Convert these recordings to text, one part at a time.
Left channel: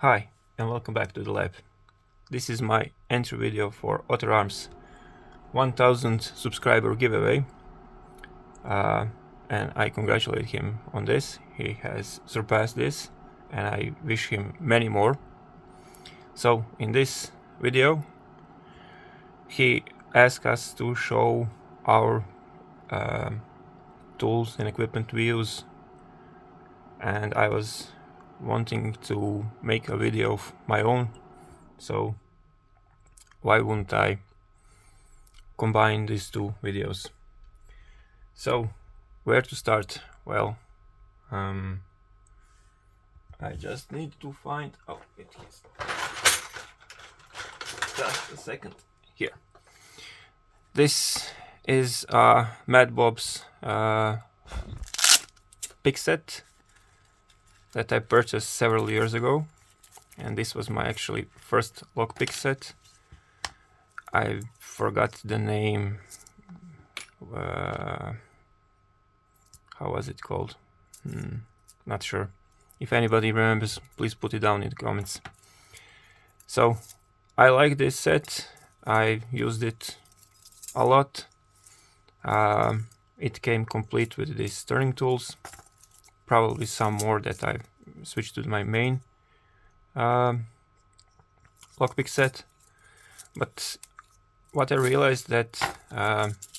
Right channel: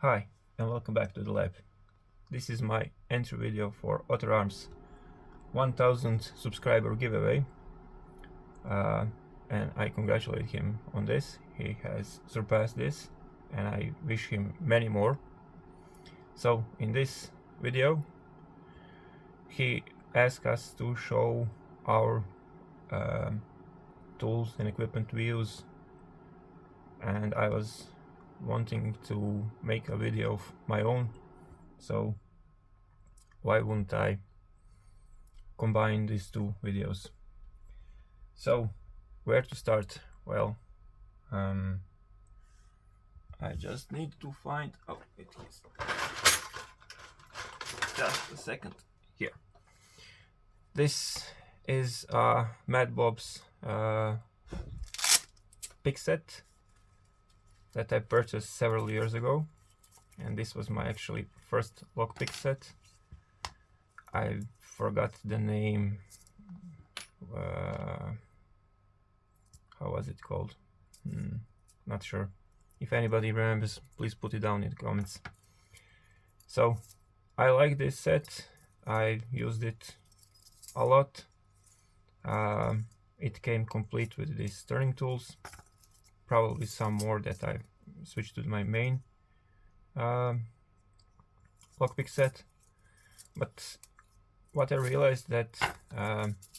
Hi, and welcome back to the lab. This is my entry video for Otter Arms 1000 subscriber giveaway, and I congratulate him on this. He has surpassed this, and I wish him many more. So in this video, he asked us to show our tools and equipment we use, and I was wanting to make a video of my own, so why wouldn't I combine these two videos? So where to start? Well, I just need to find, oh, it is just a second here. This is Mad Bob's pick set that I purchased several years ago, and this was my actually first lockpick set. I forgot the name. How was it called? Not sure. If anybody remembers, please put it down in the comments. So I like this set. I used it a lot. It came complete with these turning tools, probably some more that I switched to my main lockpick set. But what I realized that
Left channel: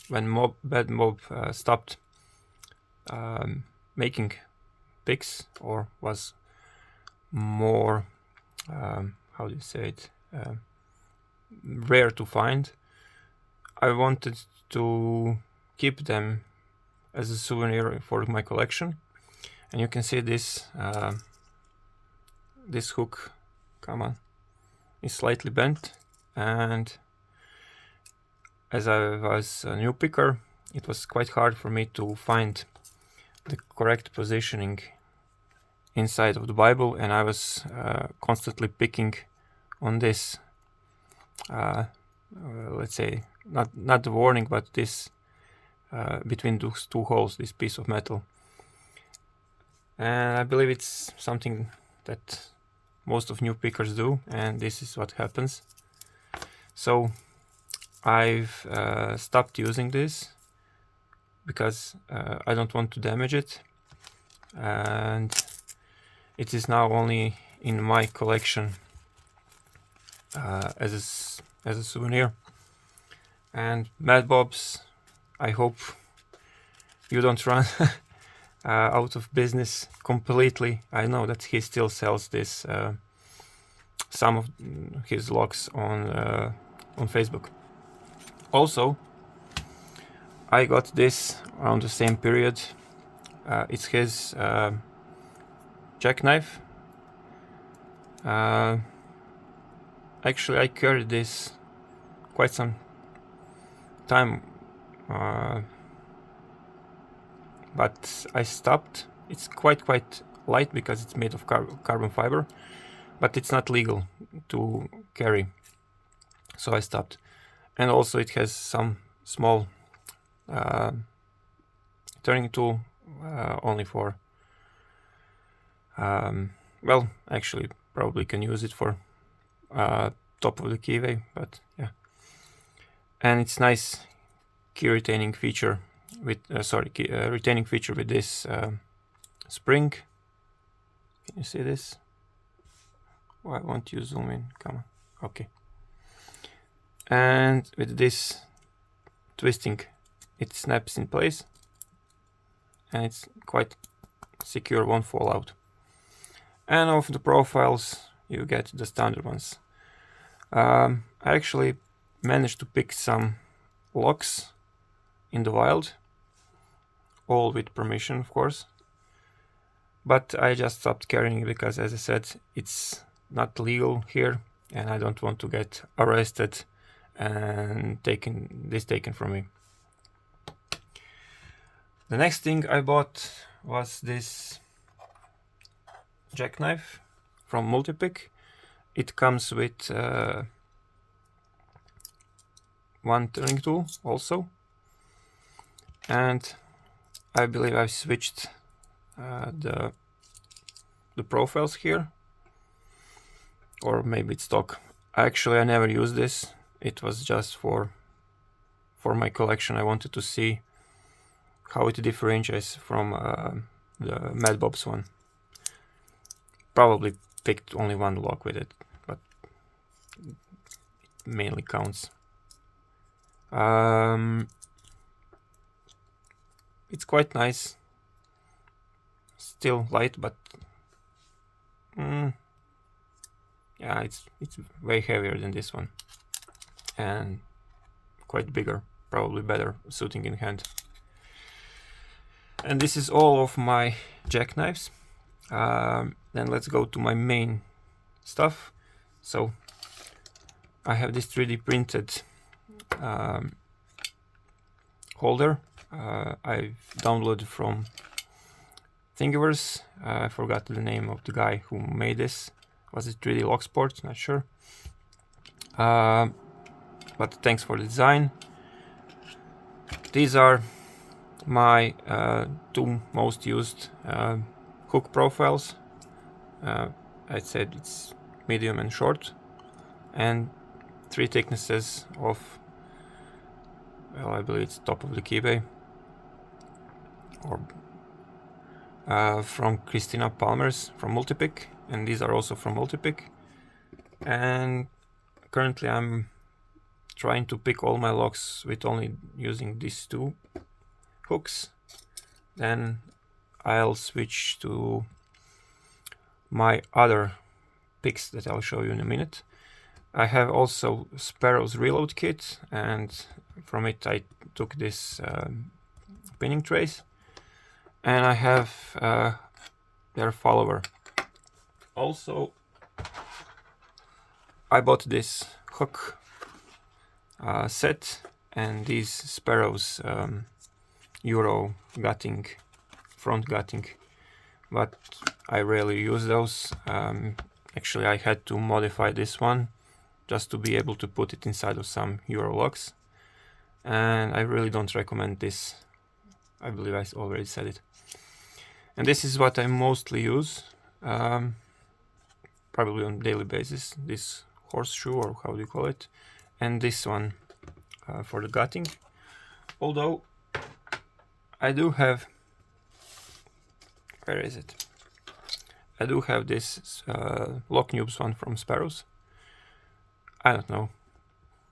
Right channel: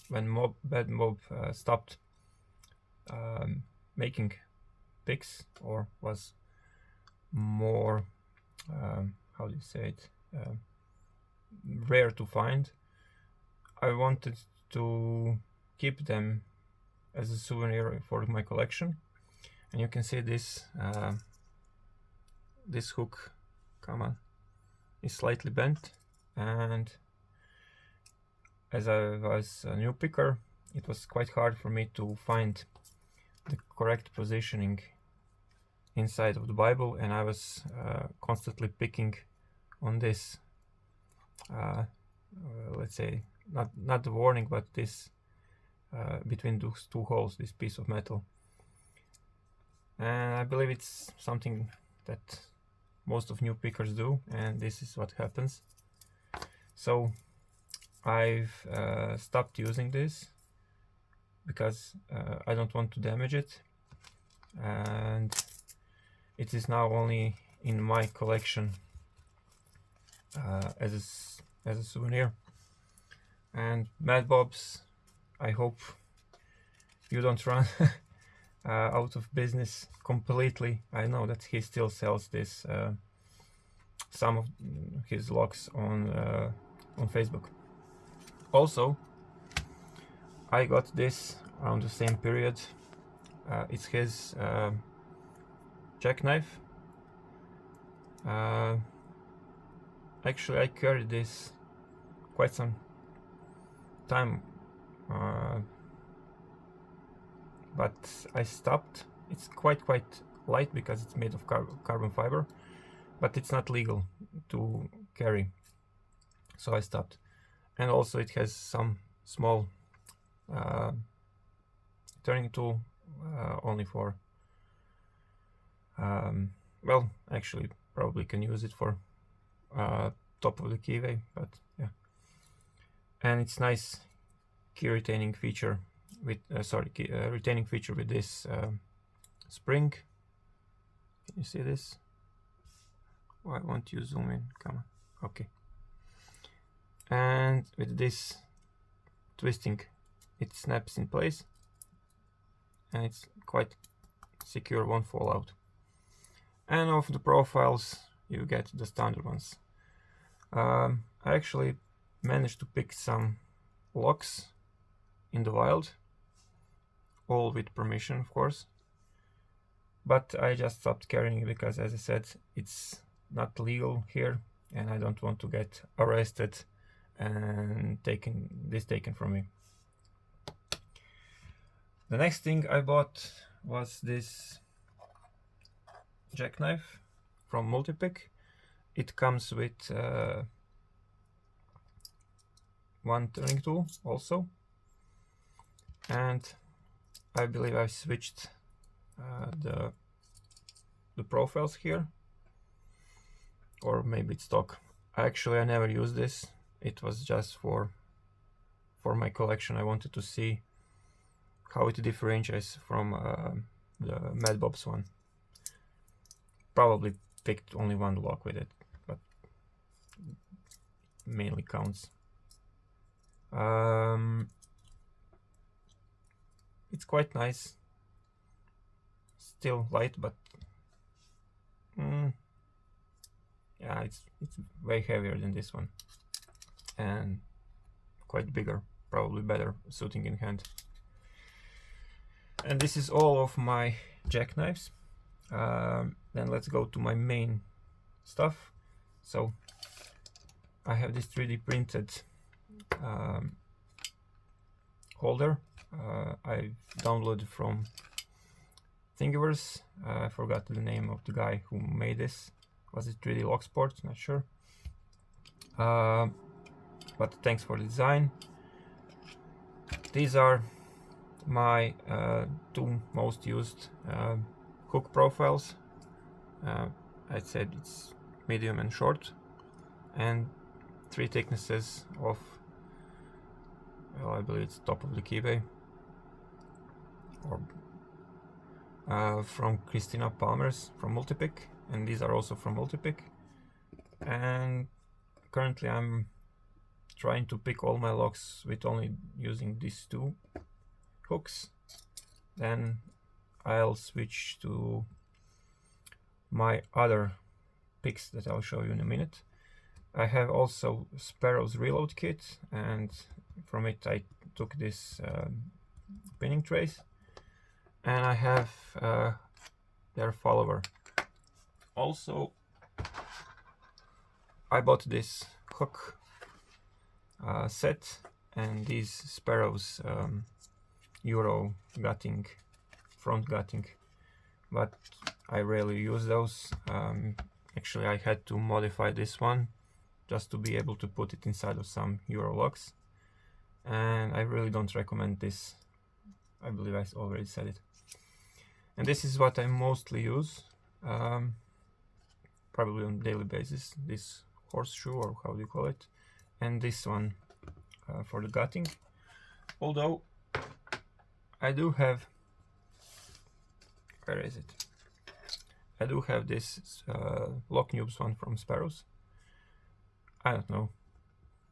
when Bad Mob stopped making picks, or was more, how do you say it, rare to find, I wanted to keep them as a souvenir for my collection. And you can see this this hook, come on, is slightly bent, and as I was a new picker, it was quite hard for me to find the correct positioning inside of the Bible, and I was constantly picking on this, let's say, not the warning, but this between those two holes, this piece of metal. And I believe it's something that most of new pickers do, and this is what happens. So I've stopped using this because I don't want to damage it, and it is now only in my collection as a souvenir. And Mad Bob's, I hope you don't run out of business completely. I know that he still sells this, some of his locks on Facebook. Also, I got this around the same period. It's his jackknife. Actually, I carried this quite some time, but I stopped. It's quite light because it's made of carbon fiber, but it's not legal to carry, so I stopped. And also it has some small turning tool, only for, well, actually probably can use it for top of the keyway, but yeah. And it's nice key retaining feature with retaining feature with this spring. Can you see this? Why won't you zoom in? Come on. Okay. And with this twisting, it snaps in place, and it's quite secure, won't fall out. And of the profiles, you get the standard ones. I actually managed to pick some locks in the wild, all with permission, of course, but I just stopped carrying because, as I said, it's not legal here, and I don't want to get arrested and taken from me. The next thing I bought was this jackknife from Multipick. It comes with one turning tool also, and I believe I switched the profiles here. or maybe it's stock. Actually, I never used this. It was just for my collection. I wanted to see how it differentiates from the Mad Bob's one. Probably picked only one lock with it, but it mainly counts. It's quite nice. Still light, but yeah, it's way heavier than this one, and quite bigger, probably better suiting in hand. And this is all of my jackknives. Then let's go to my main stuff. So I have this 3D printed holder. I've downloaded from Thingiverse. I forgot the name of the guy who made this. Was it 3D Locksport? Not sure. But thanks for the design. These are my two most used hook profiles. I said it's medium and short, and 3 thicknesses of, well, I believe it's top of the keybay, or from Christina Palmer's from Multipick, and these are also from Multipick. And currently I'm trying to pick all my locks with only using these 2 hooks. Then I'll switch to my other picks that I'll show you in a minute. I have also Sparrow's reload kit, and from it I took this pinning trace, and I have their follower. Also, I bought this hook set and these Sparrow's Euro gutting, front gutting, but I rarely use those. Actually, I had to modify this one just to be able to put it inside of some Euro locks, and I really don't recommend this. I believe I already said it. And this is what I mostly use, probably on a daily basis, this horseshoe, or how do you call it, and this one for the gutting. Although I do have, where is it? I do have this Lock Noobs one from Sparrows. I don't know,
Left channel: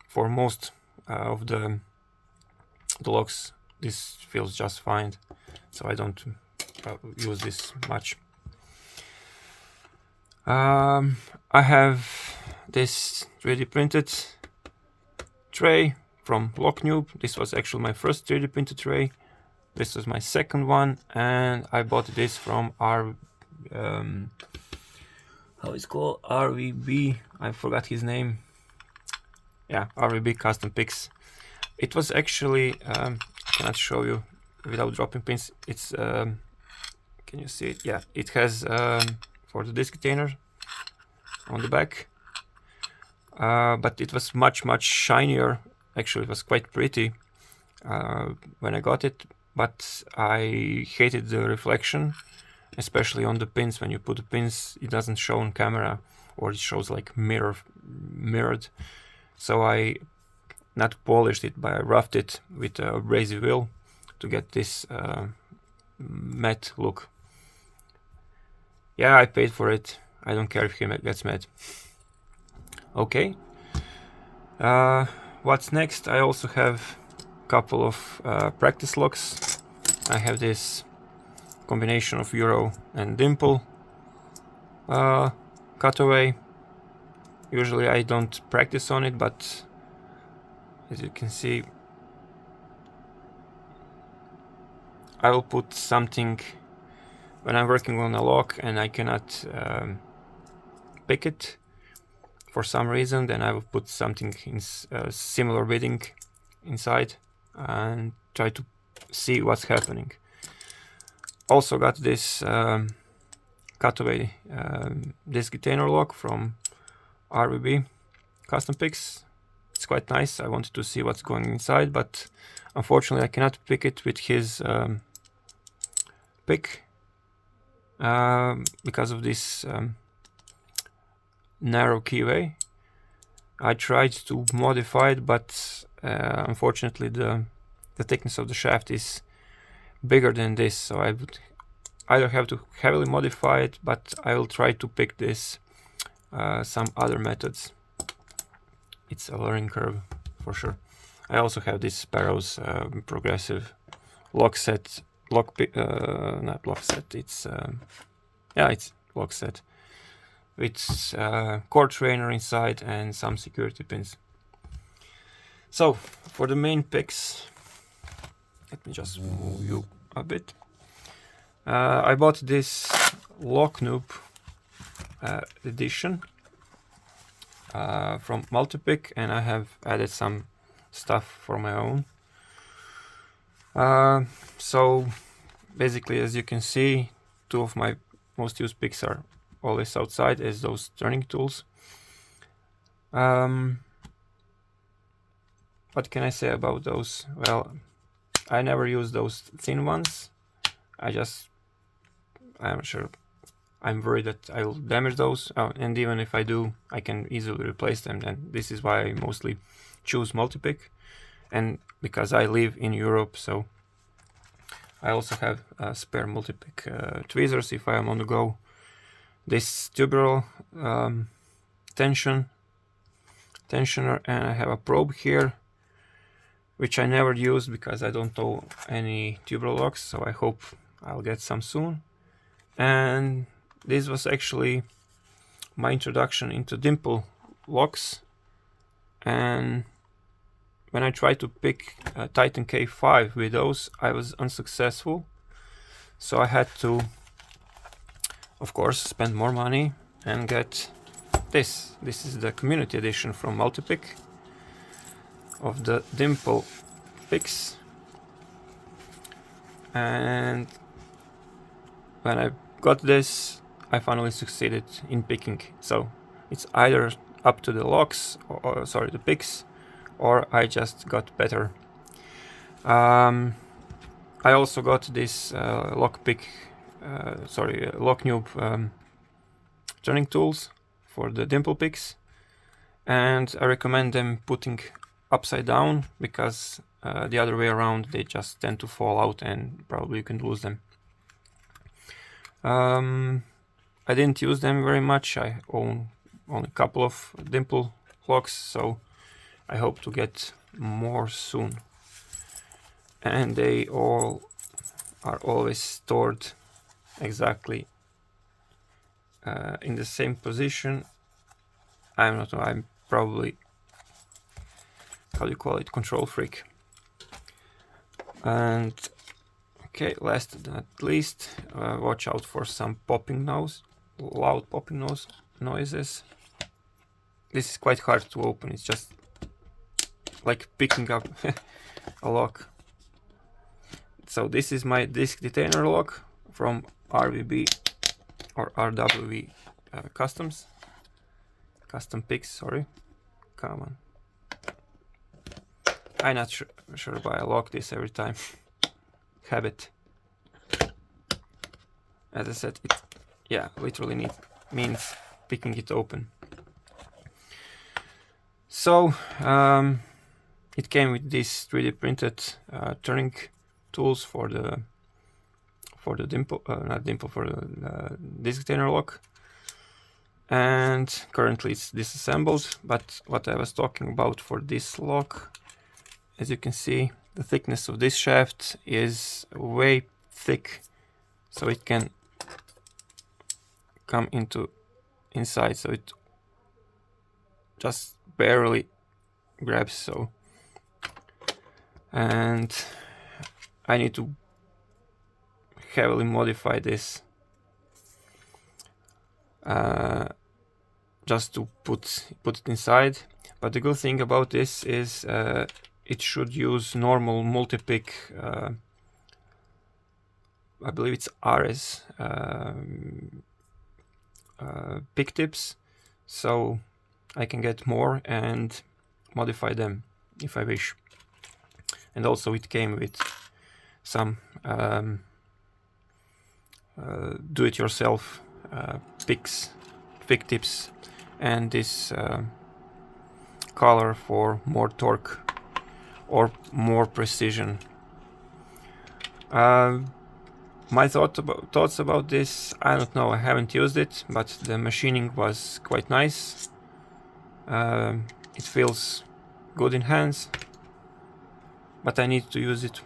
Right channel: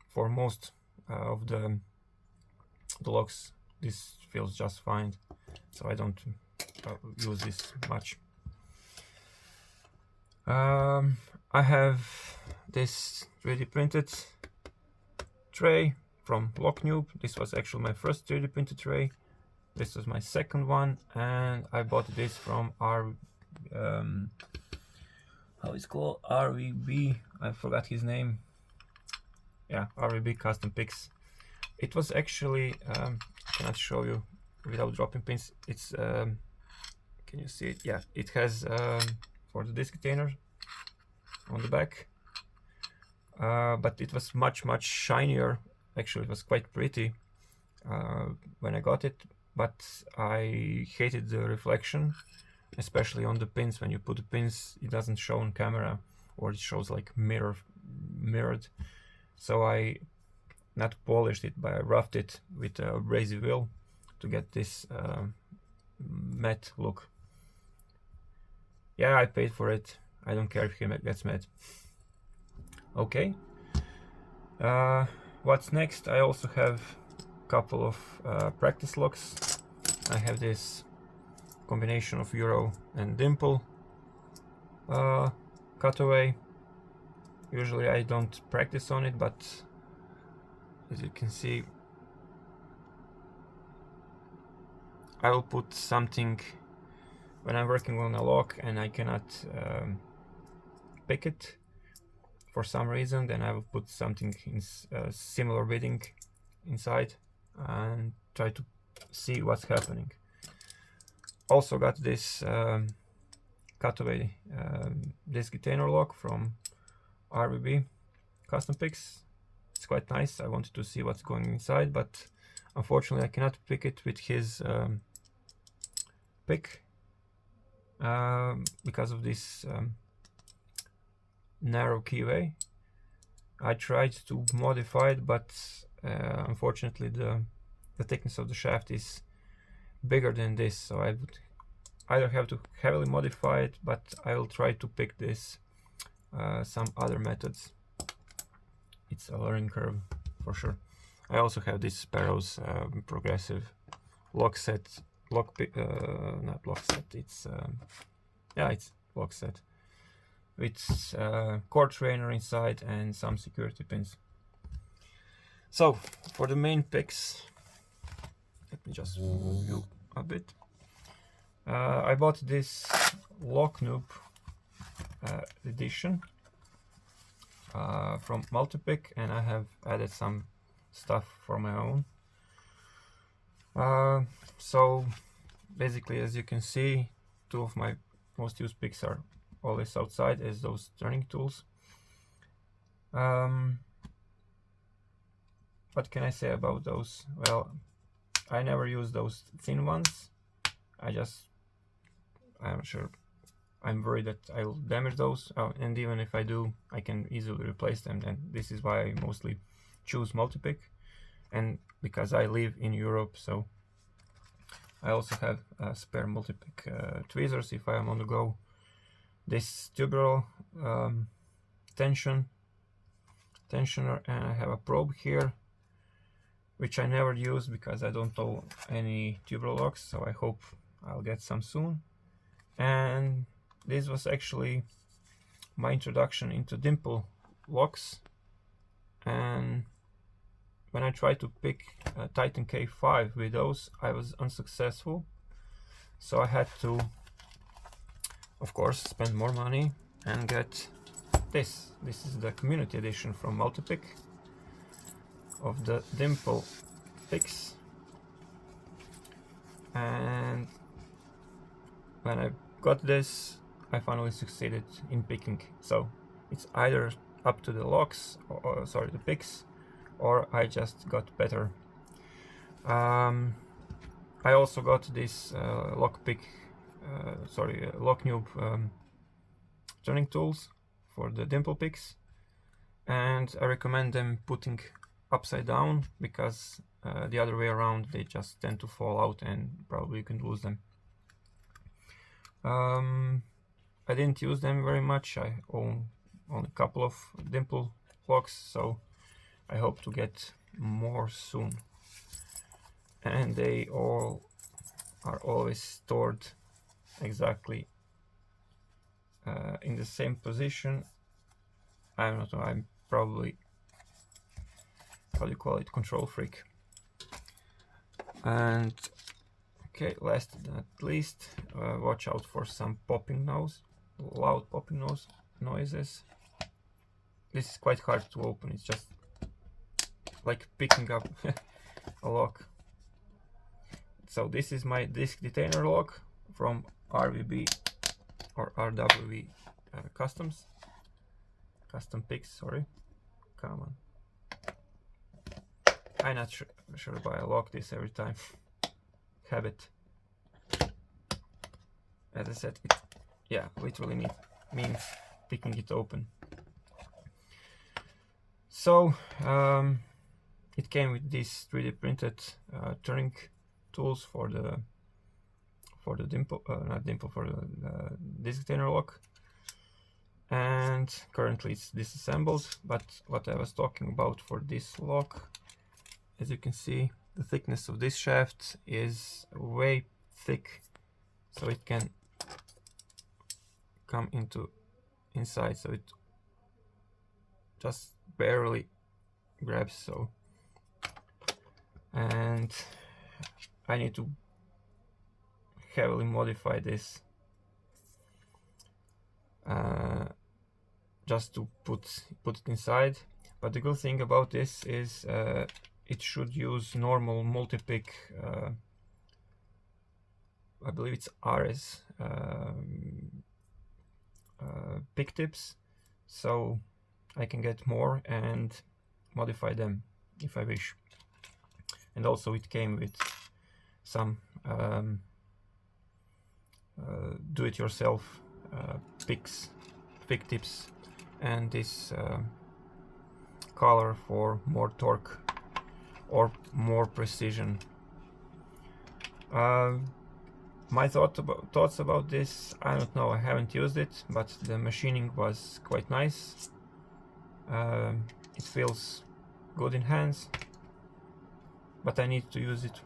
for most of the locks this feels just fine, so I don't use this much. I have this 3D printed tray from Lockknoob. This was actually my first 3D printed tray. This was my second one, and I bought this from how it's called, RVB, I forgot his name. Yeah, RVB Custom Picks. It was actually, I cannot show you without dropping pins. It's, can you see it? Yeah, it has for the disc retainer on the back, but it was much shinier. Actually, it was quite pretty when I got it, but I hated the reflection, especially on the pins. When you put the pins, it doesn't show on camera, or it shows like mirrored. So I not polished it, but I roughed it with a abrasive wheel to get this matte look. Yeah, I paid for it. I don't care if he gets matte. Okay. What's next? I also have a couple of practice locks. I have this combination of Euro and Dimple cutaway. Usually I don't practice on it, but as you can see, I will put something when I'm working on a lock and I cannot pick it for some reason. Then I will put something in similar bidding inside and try to see what's happening. Also got this cutaway disc retainer lock from RVB Custom Picks. It's quite nice. I wanted to see what's going inside, but unfortunately I cannot pick it with his pick because of this narrow keyway. I tried to modify it, but unfortunately the thickness of the shaft is bigger than this, so I would either have to heavily modify it, but I will try to pick this some other methods. It's a learning curve for sure. I also have this Sparrow's progressive lock set, not lock set, it's yeah, it's lock set with core trainer inside and some security pins. So for the main picks, let me just move you a bit. I bought this Locklab edition from Multipick, and I have added some stuff for my own. So basically, as you can see, two of my most used picks are always outside as those turning tools. What can I say about those? Well, I never use those thin ones. I'm sure, I'm worried that I'll damage those, and even if I do, I can easily replace them, and this is why I mostly choose Multipick. And because I live in Europe, so I also have spare Multipick tweezers if I am on the go. This tubular tensioner, and I have a probe here, which I never used because I don't know any tubular locks, so I hope I'll get some soon. And this was actually my introduction into dimple locks, and when I tried to pick Titan K5 with those, I was unsuccessful, so I had to, of course, spend more money and get this. This is the community edition from Multipick of the dimple picks, and when I got this, I finally succeeded in picking. So it's either up to the locks, or sorry, the picks, or I just got better. I also got this Locklab turning tools for the dimple picks, and I recommend them putting upside down because the other way around they just tend to fall out and probably you can lose them. I didn't use them very much. I own only a couple of dimple locks, so I hope to get more soon. And they all are always stored exactly in the same position. I'm probably, how do you call it, control freak. And okay, last but not least, watch out for some loud popping noises. This is quite hard to open. It's just like picking up a lock. So this is my disc detainer lock from RWB or RWB custom picks. Sorry, come on. I'm not sure why I lock this every time. Habit. As I said, it literally means picking it open. So it came with these 3D printed turning tools for the dimple, for the disc detainer lock, and currently it's disassembled. But what I was talking about for this lock, as you can see, the thickness of this shaft is way thick, so it can come inside, so it just barely grabs. So, and I need to heavily modify this just to put it inside. But the good thing about this is it should use normal Multipick, I believe it's RS pick tips, so I can get more and modify them if I wish. And also it came with some do-it-yourself pick tips and this color for more torque or more precision. My thoughts about this, I don't know, I haven't used it, but the machining was quite nice. It feels good in hands, but I need to use it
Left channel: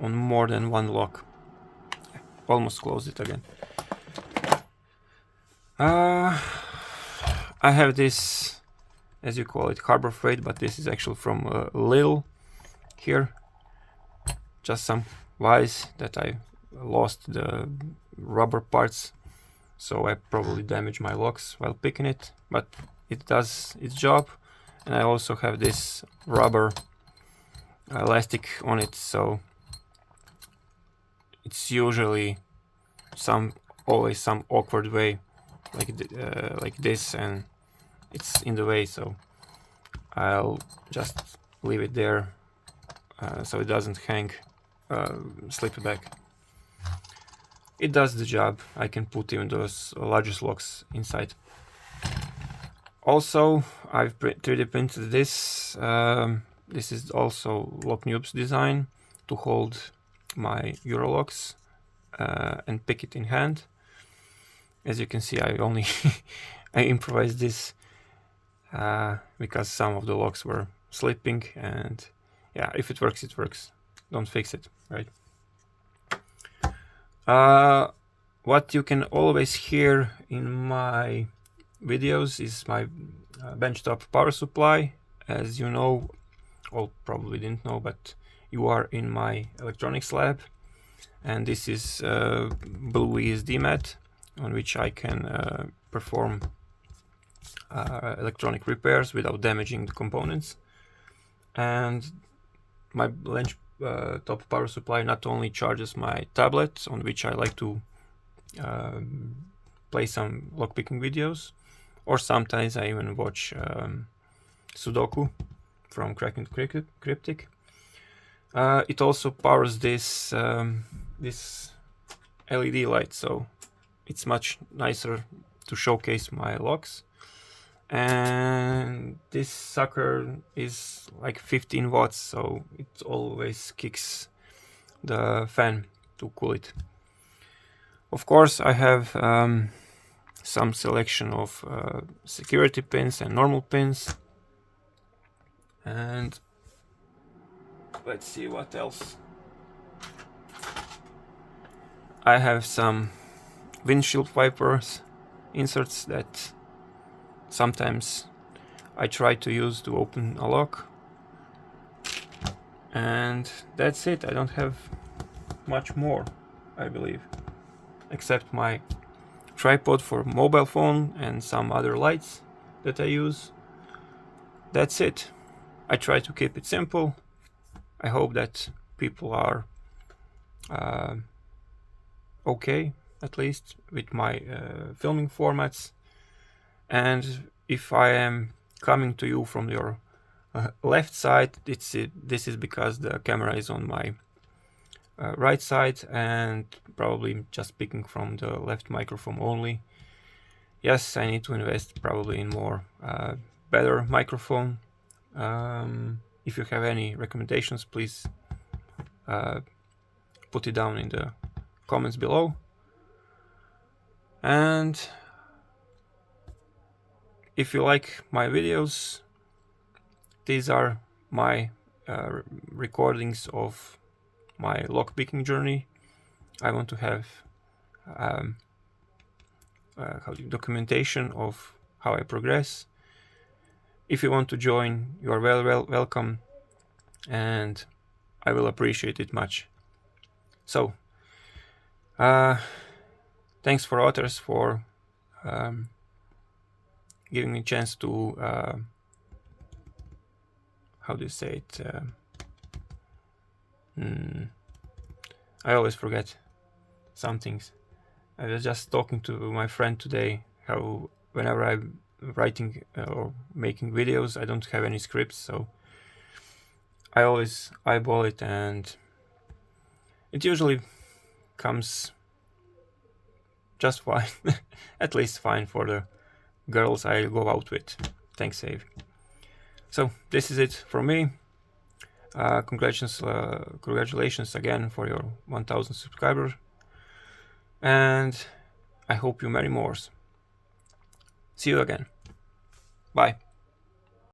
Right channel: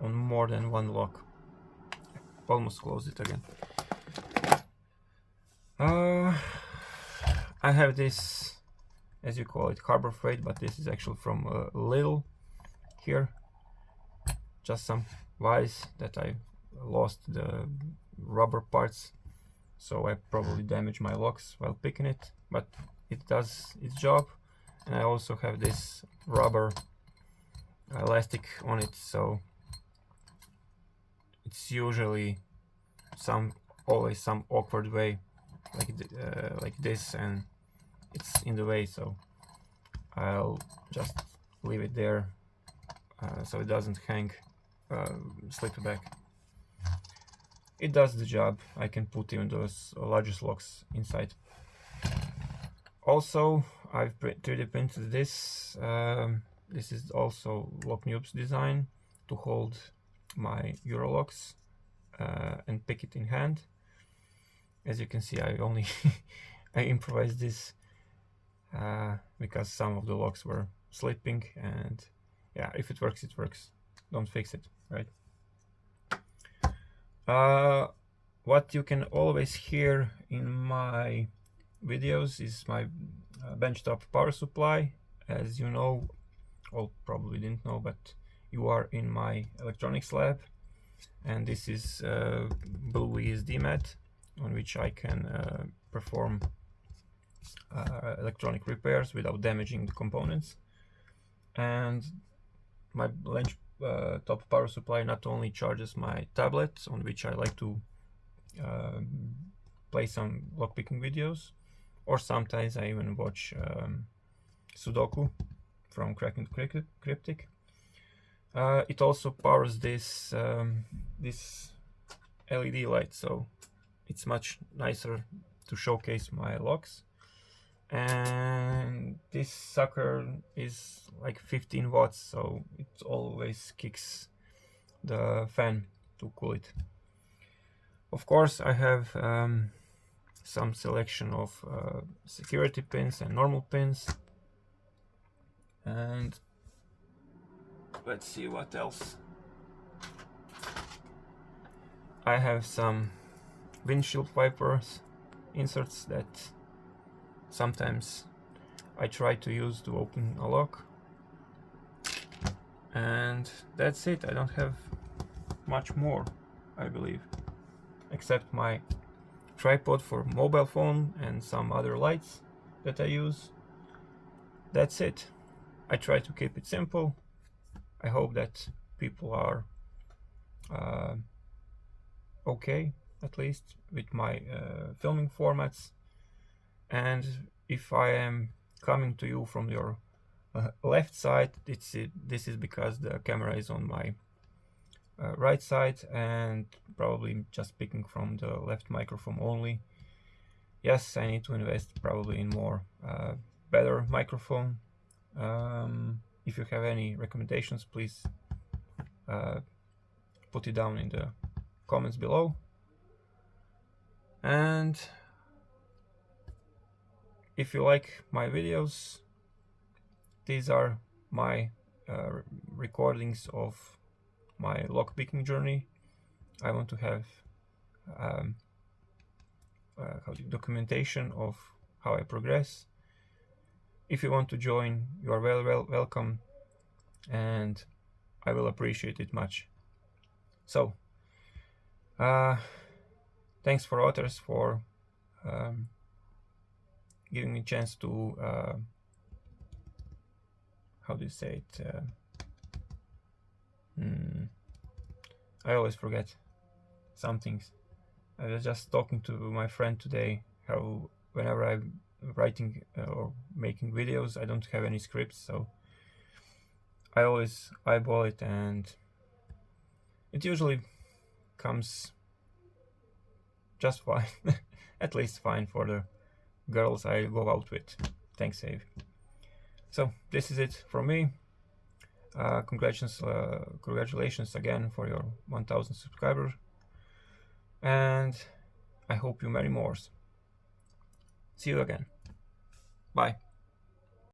on more than one lock. Almost closed it again. I have this, as you call it, Harbor Freight, but this is actually from Lidl here. Just some wires that I lost the rubber parts, so I probably damaged my locks while picking it, but it does its job. And I also have this rubber elastic on it, so it's usually always some awkward way like this, and it's in the way, so I'll just leave it there so it doesn't hang, slip back. It does the job. I can put even those largest locks inside. Also, I've 3D printed this. This is also Locknoob's design to hold my Eurolocks and pick it in hand. As you can see, I only I improvised this because some of the locks were slipping, and yeah, if it works, it works. Don't fix it, right? What you can always hear in my videos is my benchtop power supply. As you know, well, probably didn't know, but you are in my electronics lab, and this is Blue ESD mat on which I can perform electronic repairs without damaging the components. And my top power supply not only charges my tablet, on which I like to play some lockpicking videos, or sometimes I even watch Sudoku from Kraken Cryptic. It also powers this this LED light, so it's much nicer to showcase my locks. And this sucker is like 15 watts, so it always kicks the fan to cool it. Of course, I have some selection of security pins and normal pins. And let's see what else. I have some windshield wipers inserts that sometimes I try to use to open a lock. And that's it. I don't have much more, I believe, except my tripod for mobile phone and some other lights that I use. That's it. I try to keep it simple. I hope that people are okay, at least, with my filming formats. And if I am coming to you from your left side, this is because the camera is on my right side, and probably just picking from the left microphone only. Yes, I need to invest probably in more better microphone. If you have any recommendations, please put it down in the comments below. And if you like my videos, these are my recordings of my lockpicking journey. I want to have documentation of how I progress. If you want to join, you are welcome, and I will appreciate it much. So, thanks for others for giving me a chance to how do you say it? I always forget some things. I was just talking to my friend today how whenever I'm writing or making videos, I don't have any scripts, so I always eyeball it, and it usually comes just fine, at least fine for the girls I go out with. Thanks, Save. So this is it from me. Congratulations again for your 1000 subscribers, and I hope you many more. See you again. Bye.